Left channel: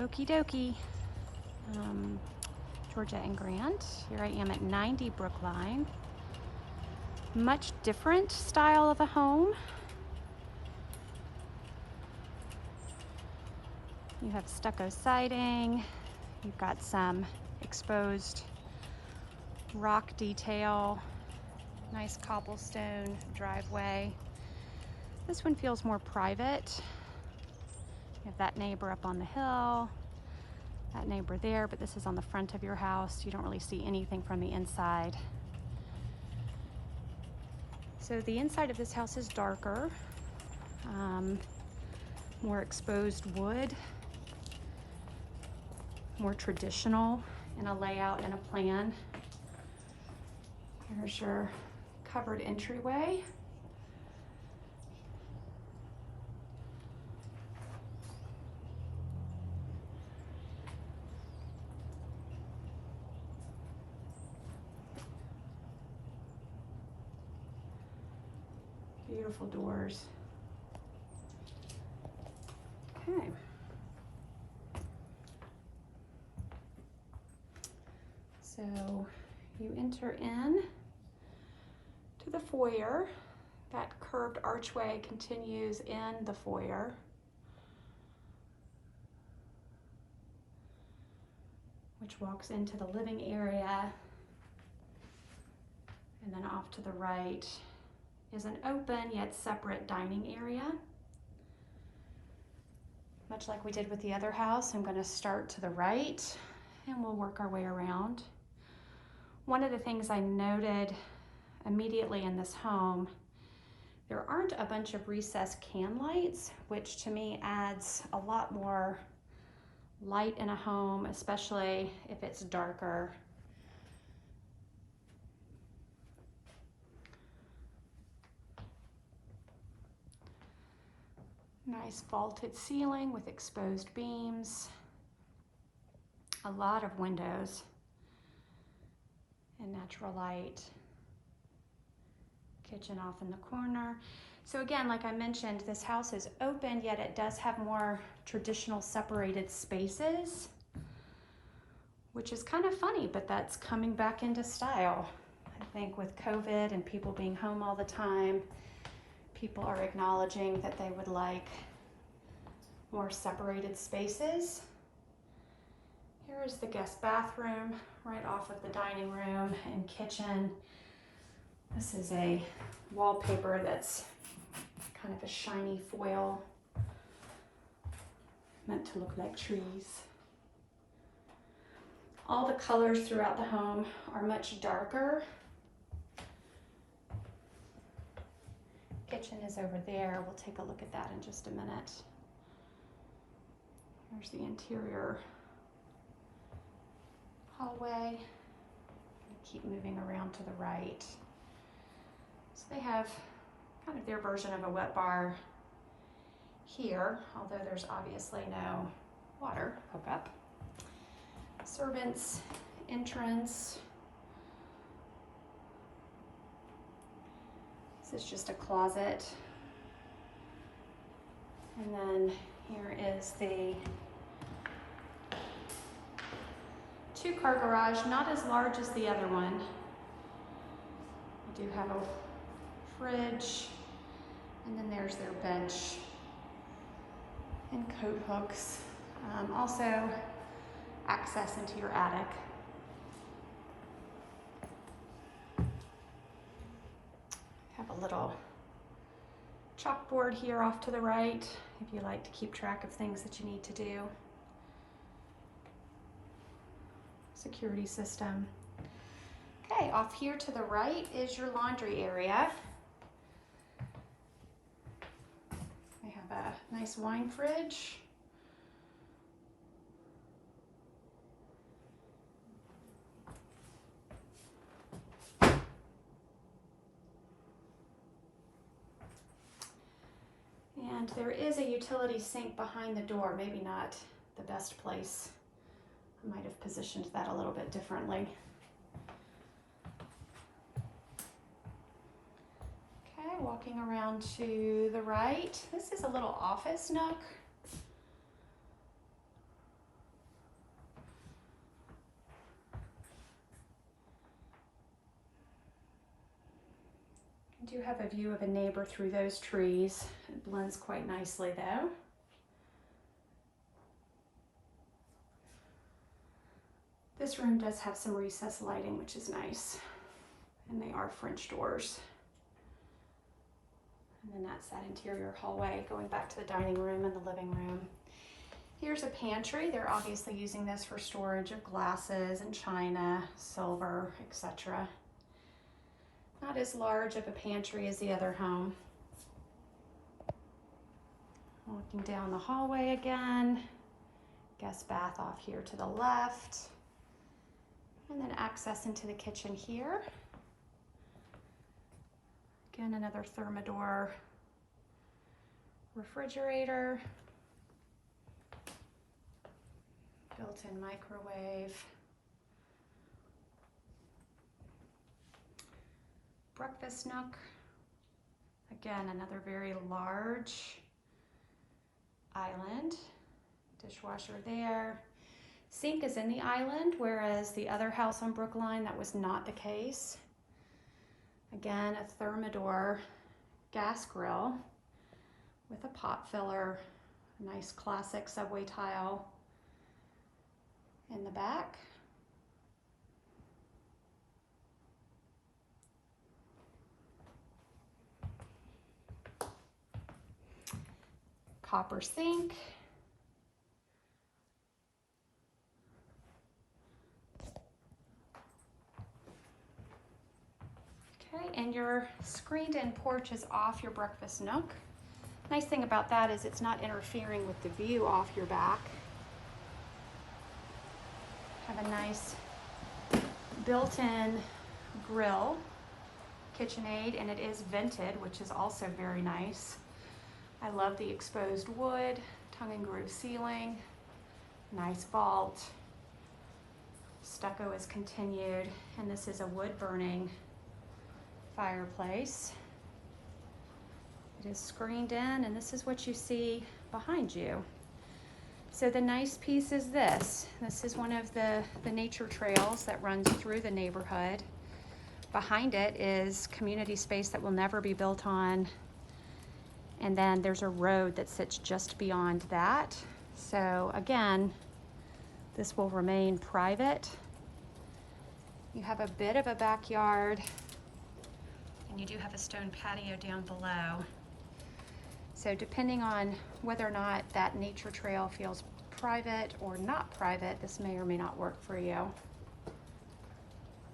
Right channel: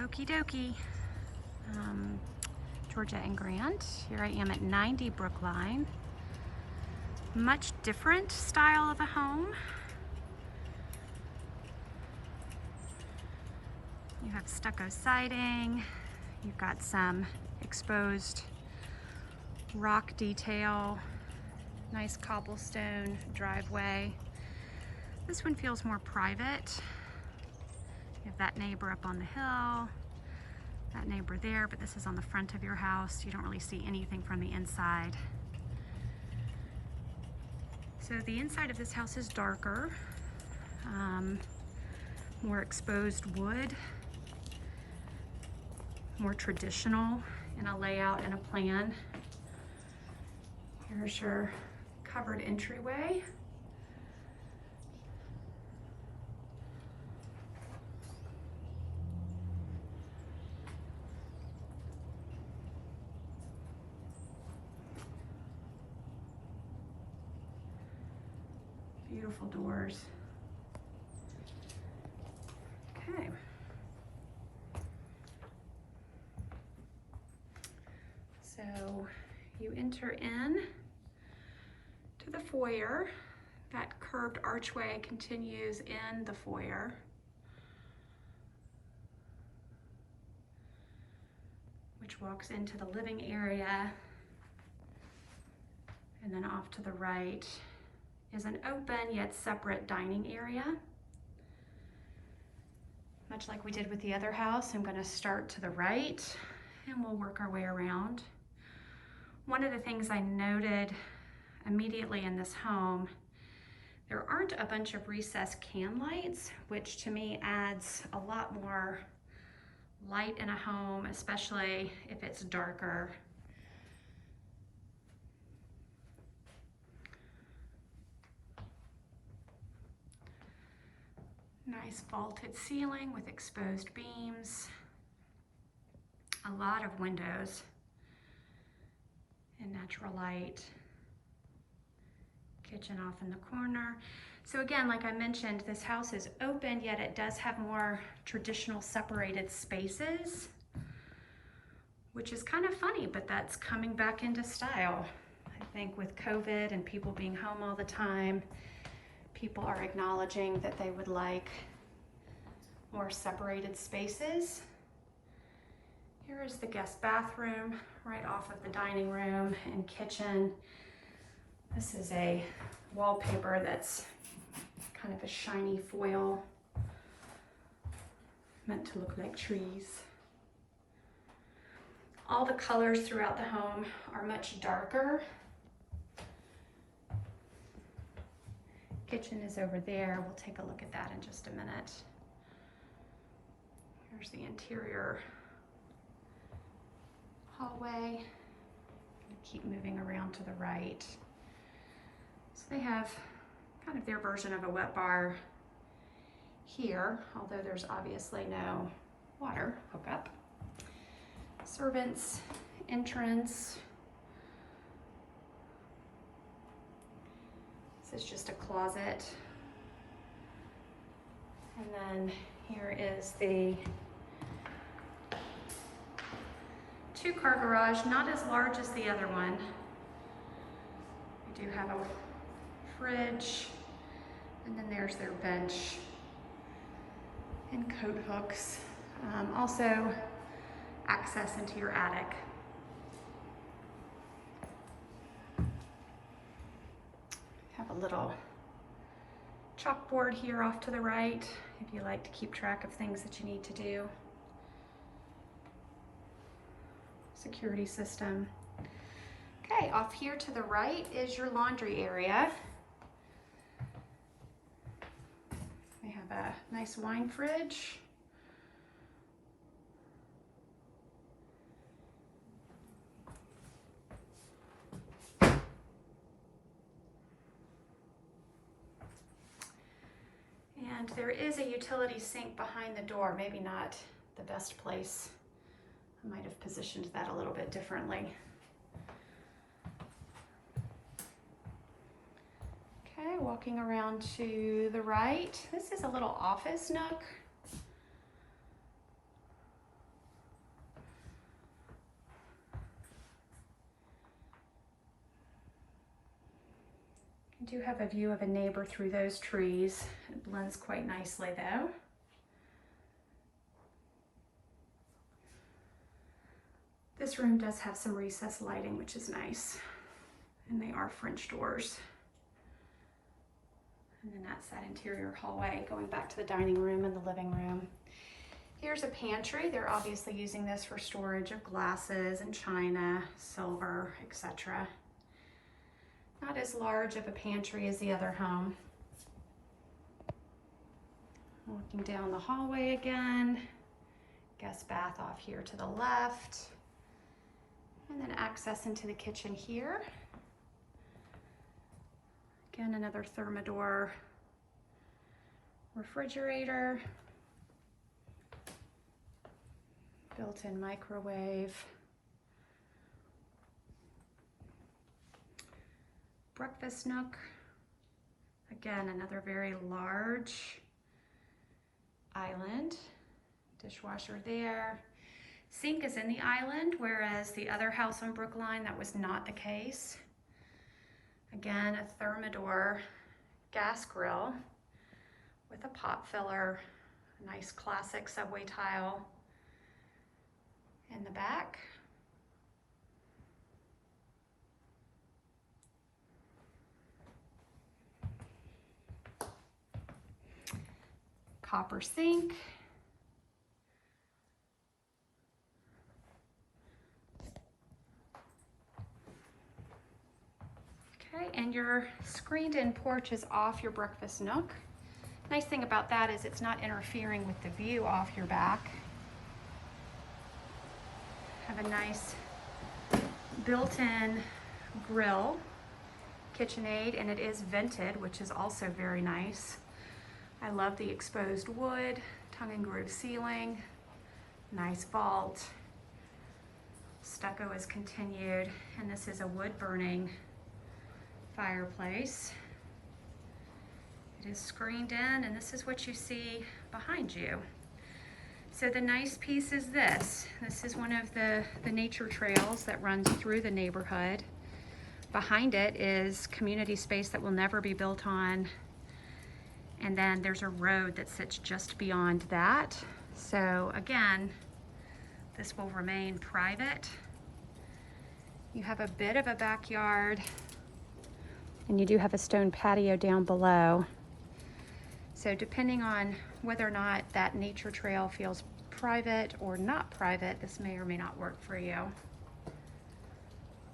Okie dokie. Georgia and Grant. Here I am at 90 Brookline. Much different style of a home. You have stucco siding. You've got some exposed rock detail. Nice cobblestone driveway. This one feels more private. You have that neighbor up on the hill, that neighbor there, but this is on the front of your house. You don't really see anything from the inside. So the inside of this house is darker, more exposed wood, more traditional in a layout and a plan. Here's your covered entryway. Beautiful doors. Okay. So you enter in to the foyer. That curved archway continues in the foyer. Which walks into the living area. And then off to the right is an open yet separate dining area. Much like we did with the other house, I'm going to start to the right and we'll work our way around. One of the things I noted immediately in this home, there aren't a bunch of recessed can lights, which to me adds a lot more light in a home, especially if it's darker. Nice vaulted ceiling with exposed beams. A lot of windows and natural light. Kitchen off in the corner. So again, like I mentioned, this house is open, yet it does have more traditional separated spaces, which is kind of funny, but that's coming back into style. I think with COVID and people being home all the time, people are acknowledging that they would like more separated spaces. Here is the guest bathroom right off of the dining room and kitchen. This is a wallpaper that's kind of a shiny foil, meant to look like trees. All the colors throughout the home are much darker. Kitchen is over there. We'll take a look at that in just a minute. Here's the interior hallway. Keep moving around to the right. So they have kind of their version of a wet bar here, although there's obviously no water hookup. Servants' entrance. This is just a closet. And then here is the two-car garage, not as large as the other one. We do have a fridge, and then there's their bench and coat hooks. Also access into your attic. Have a little chalkboard here off to the right if you like to keep track of things that you need to do. Security system. Okay, off here to the right is your laundry area. We have a nice wine fridge. And there is a utility sink behind the door, maybe not the best place. I might have positioned that a little bit differently. Okay, walking around to the right. This is a little office nook. do have a view of a neighbor through those trees. It blends quite nicely though. This room does have some recessed lighting, which is nice. And they are French doors. And then that's that interior hallway going back to the dining room and the living room. Here's a pantry. They're obviously using this for storage of glasses and china, silver, etc. Not as large of a pantry as the other home. Looking down the hallway again. Guest bath off here to the left. And then access into the kitchen here. Again, another Thermador refrigerator. Built-in microwave. Breakfast nook. Again, another very large island. Dishwasher there. Sink is in the island, whereas the other house on Brookline, that was not the case. Again, a Thermador gas grill with a pot filler, nice classic subway tile in the back. Copper sink. Okay, and your screened-in porch is off your breakfast nook. Nice thing about that is it's not interfering with the view off your back. Have a nice built-in grill, KitchenAid, and it is vented, which is also very nice. I love the exposed wood, tongue and groove ceiling, nice vault. Stucco is continued, and this is a wood burning fireplace. It is screened in, and this is what you see behind you. So the nice piece is this. This is one of the nature trails that runs through the neighborhood. Behind it is community space that will never be built on. And then there's a road that sits just beyond that. So again, this will remain private. You have a bit of a backyard, and you do have a stone patio down below. So depending on whether or not that nature trail feels private or not private, this may or may not work for you.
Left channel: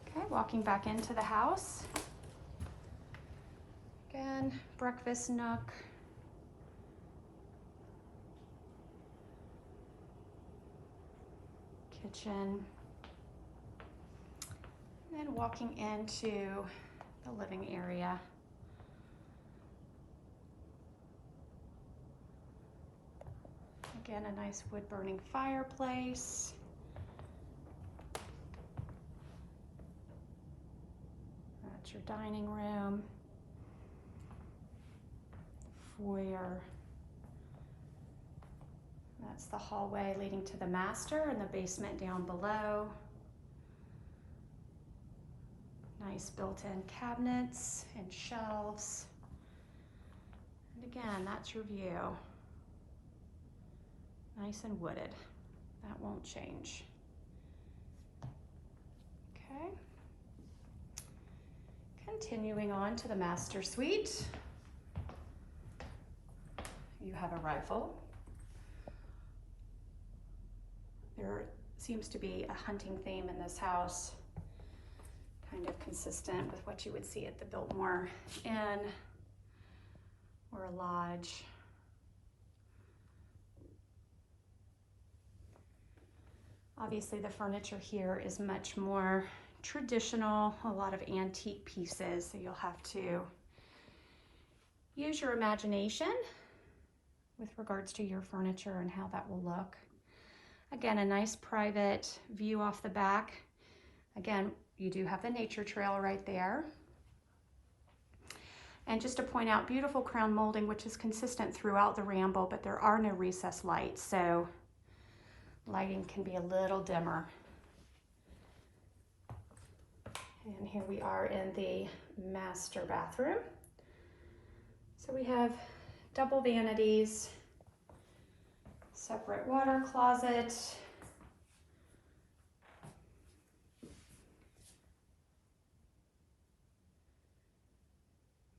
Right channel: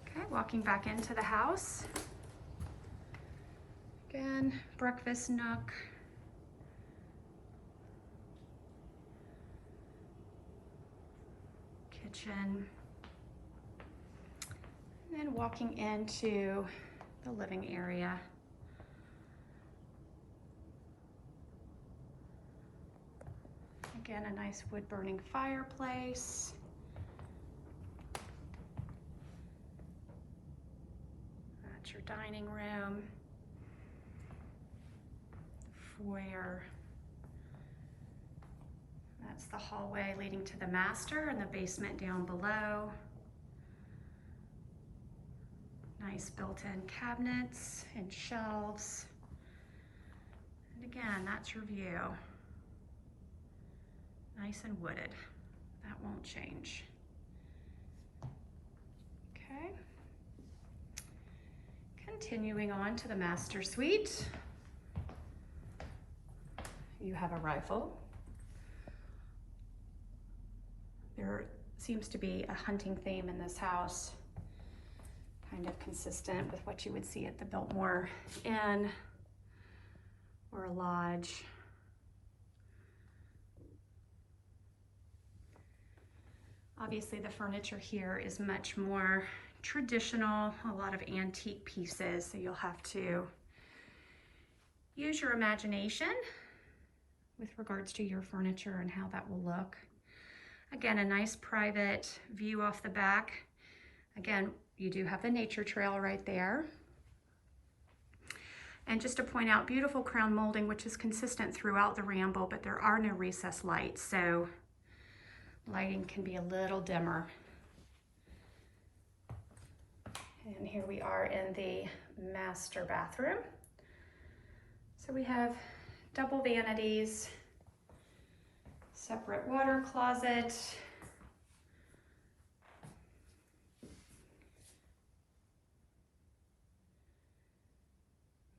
Okay, walking back into the house. Again, breakfast nook. Kitchen. And then walking into the living area. Again, a nice wood burning fireplace. That's your dining room. Foyer. That's the hallway leading to the master and the basement down below. Nice built-in cabinets and shelves. And again, that's your view. Nice and wooded. That won't change. Okay. Continuing on to the master suite. You have a rifle. There seems to be a hunting theme in this house, kind of consistent with what you would see at the Biltmore Inn or a lodge. Obviously the furniture here is much more traditional, a lot of antique pieces, so you'll have to use your imagination with regards to your furniture and how that will look. Again, a nice private view off the back. Again, you do have the nature trail right there. And just to point out, beautiful crown molding, which is consistent throughout the Ramble, but there are no recessed lights, so lighting can be a little dimmer. And here we are in the master bathroom. So we have double vanities, separate water closet,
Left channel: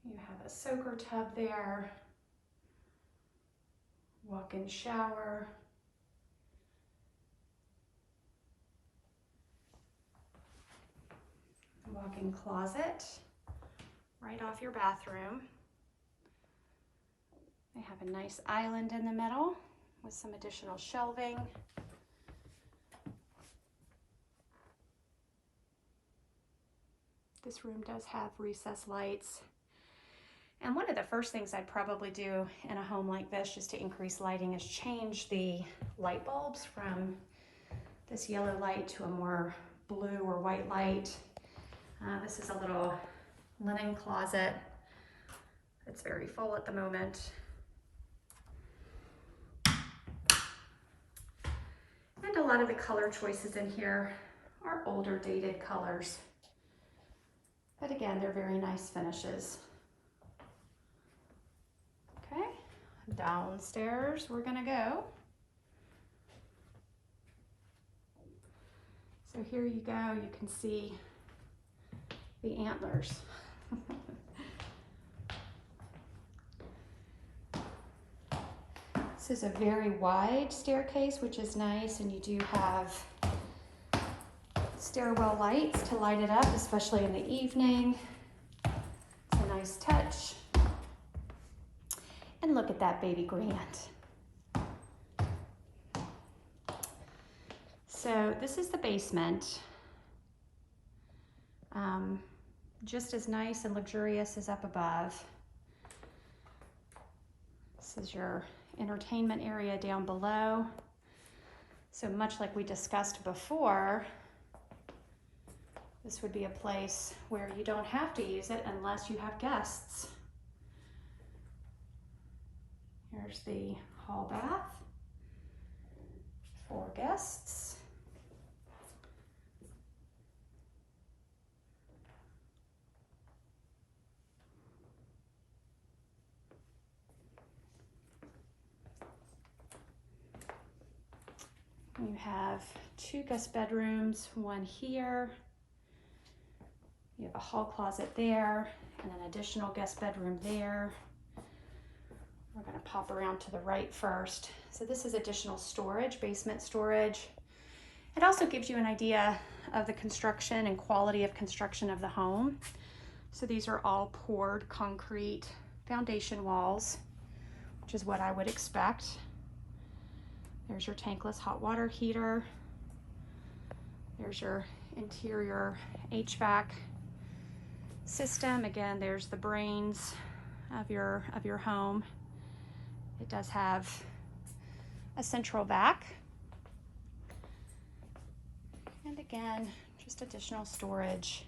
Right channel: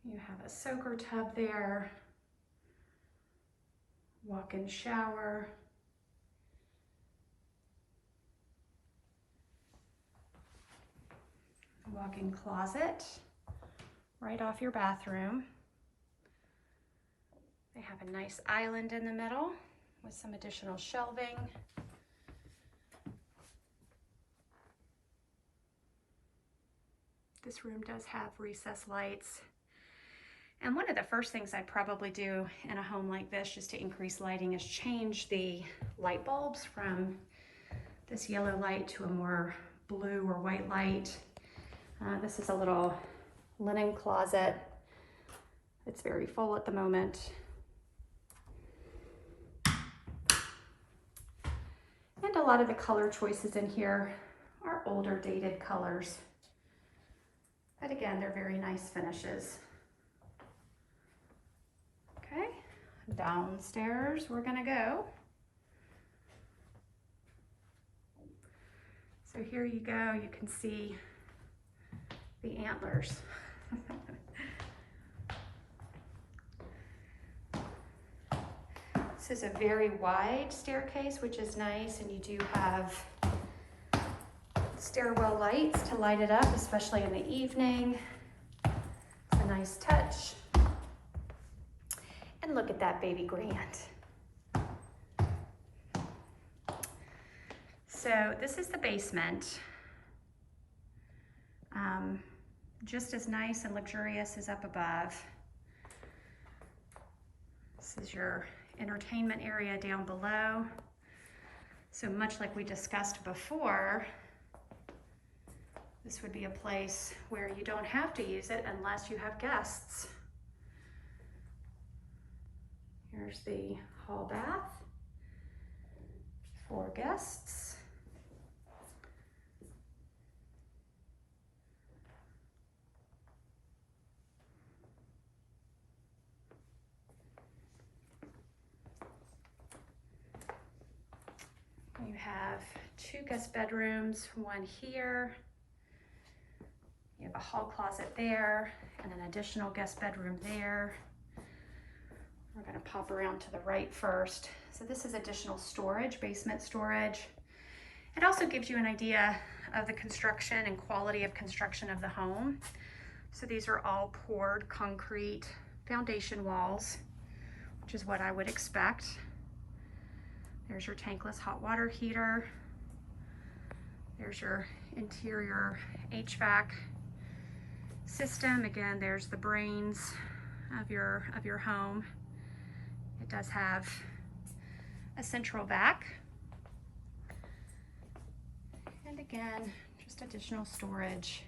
you have a soaker tub there, walk-in shower, walk-in closet right off your bathroom. They have a nice island in the middle with some additional shelving. This room does have recessed lights. And one of the first things I'd probably do in a home like this, just to increase lighting, is change the light bulbs from this yellow light to a more blue or white light. This is a little linen closet. It's very full at the moment. And a lot of the color choices in here are older, dated colors. But again, they're very nice finishes. Okay, downstairs we're gonna go. So here you go, you can see the antlers. This is a very wide staircase, which is nice, and you do have stairwell lights to light it up, especially in the evening. It's a nice touch. And look at that baby grand. So this is the basement. Just as nice and luxurious as up above. This is your entertainment area down below. So much like we discussed before, this would be a place where you don't have to use it unless you have guests. Here's the hall bath for guests. You have 2 guest bedrooms, one here. You have a hall closet there and an additional guest bedroom there. We're going to pop around to the right first. So this is additional storage, basement storage. It also gives you an idea of the construction and quality of construction of the home. So these are all poured concrete foundation walls, which is what I would expect. There's your tankless hot water heater. There's your interior HVAC system. Again, there's the brains of your home. It does have a central vac. And again, just additional storage.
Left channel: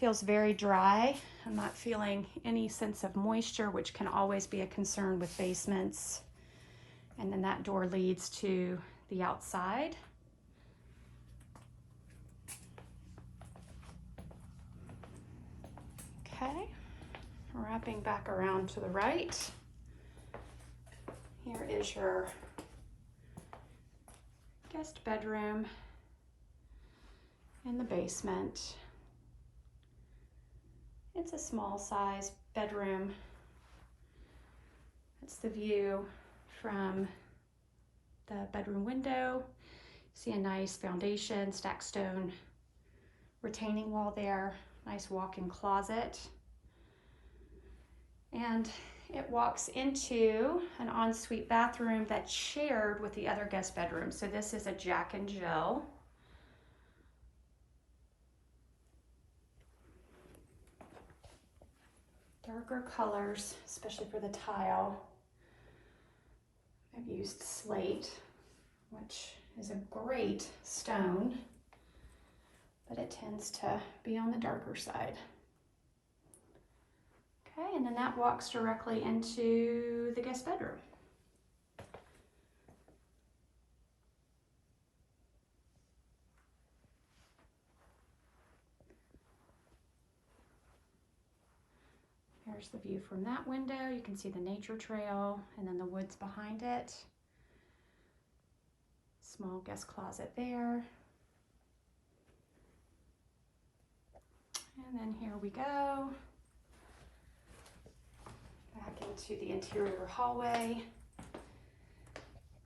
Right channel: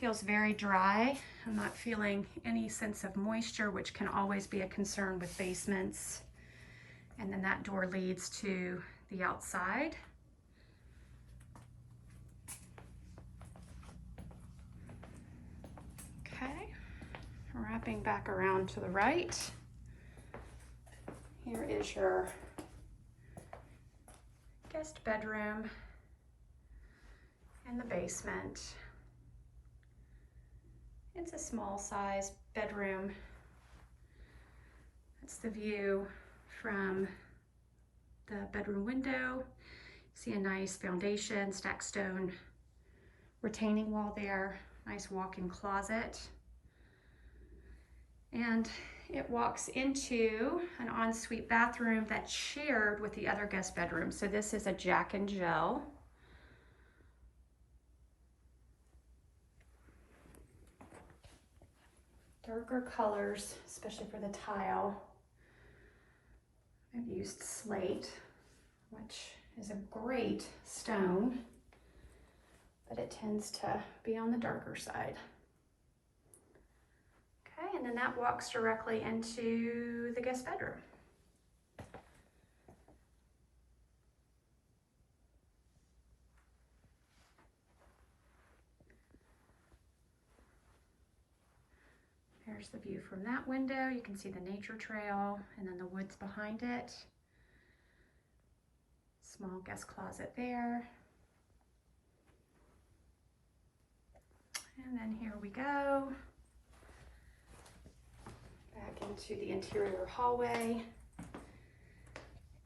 Feels very dry. I'm not feeling any sense of moisture, which can always be a concern with basements. And then that door leads to the outside. Okay, wrapping back around to the right. Here is your guest bedroom in the basement. It's a small size bedroom. It's the view from the bedroom window. See a nice foundation, stacked stone retaining wall there, nice walk-in closet. And it walks into an ensuite bathroom that's shared with the other guest bedroom. So this is a Jack and Jill. Darker colors, especially for the tile. I've used slate, which is a great stone, but it tends to be on the darker side. Okay, and then that walks directly into the guest bedroom. There's the view from that window. You can see the nature trail and then the woods behind it. Small guest closet there. And then here we go. Back into the interior hallway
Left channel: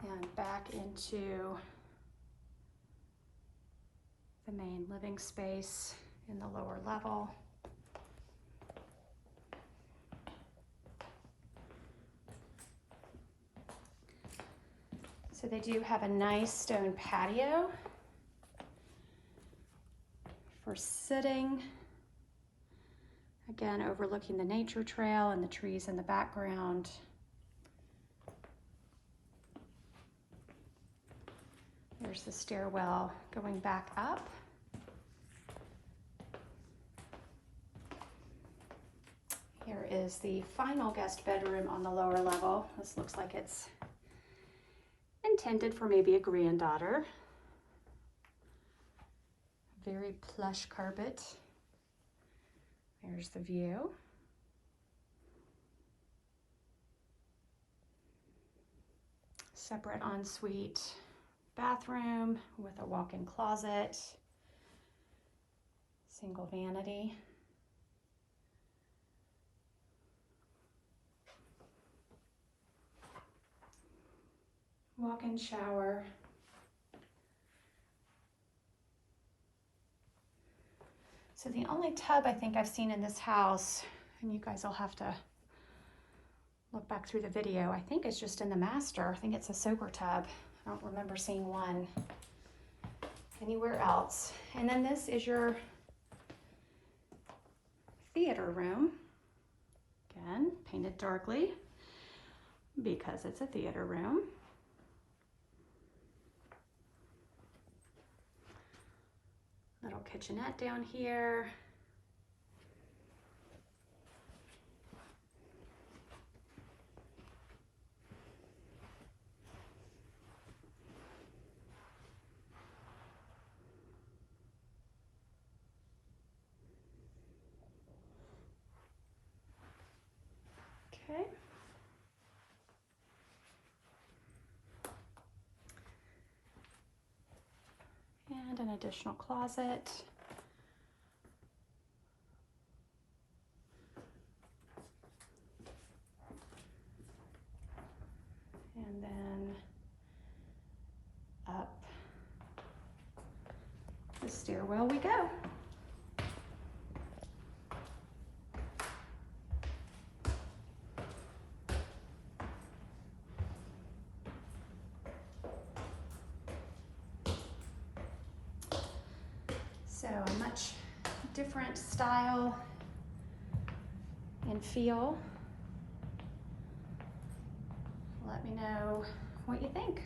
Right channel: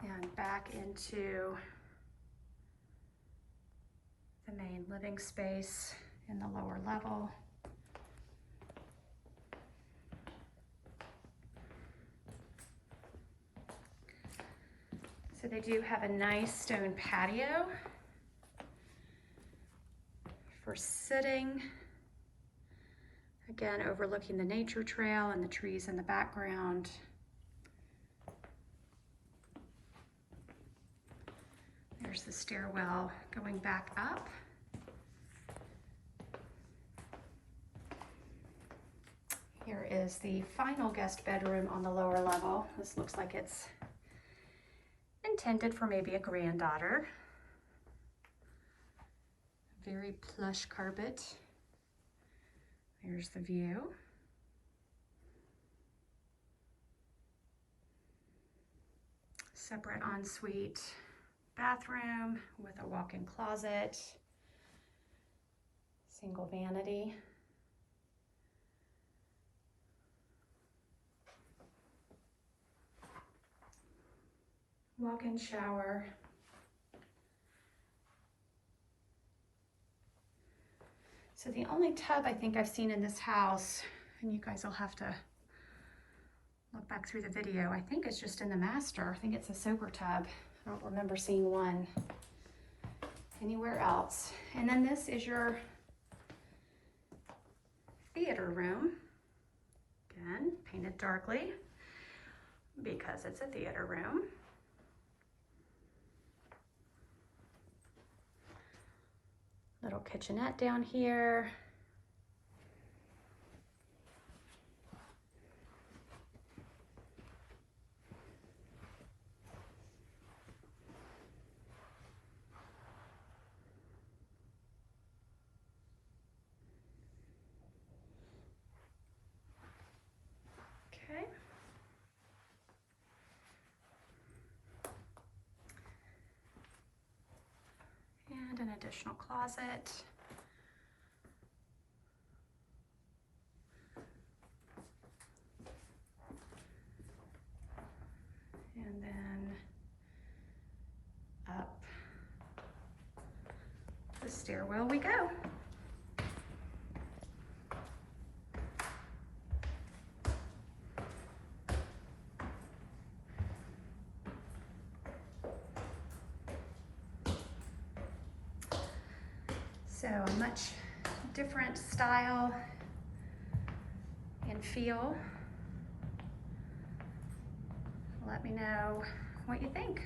and back into the main living space in the lower level. So they do have a nice stone patio for sitting. Again, overlooking the nature trail and the trees in the background. There's the stairwell going back up. Here is the final guest bedroom on the lower level. This looks like it's intended for maybe a granddaughter. Very plush carpet. There's the view. Separate ensuite bathroom with a walk-in closet. Single vanity. Walk-in shower. So the only tub I think I've seen in this house, and you guys will have to look back through the video, I think it's just in the master. I think it's a soaker tub. I don't remember seeing one anywhere else. And then this is your theater room. Again, painted darkly because it's a theater room. Little kitchenette down here. Okay. And an additional closet. And then up the stairwell we go. So a much different style and feel. Let me know what you think.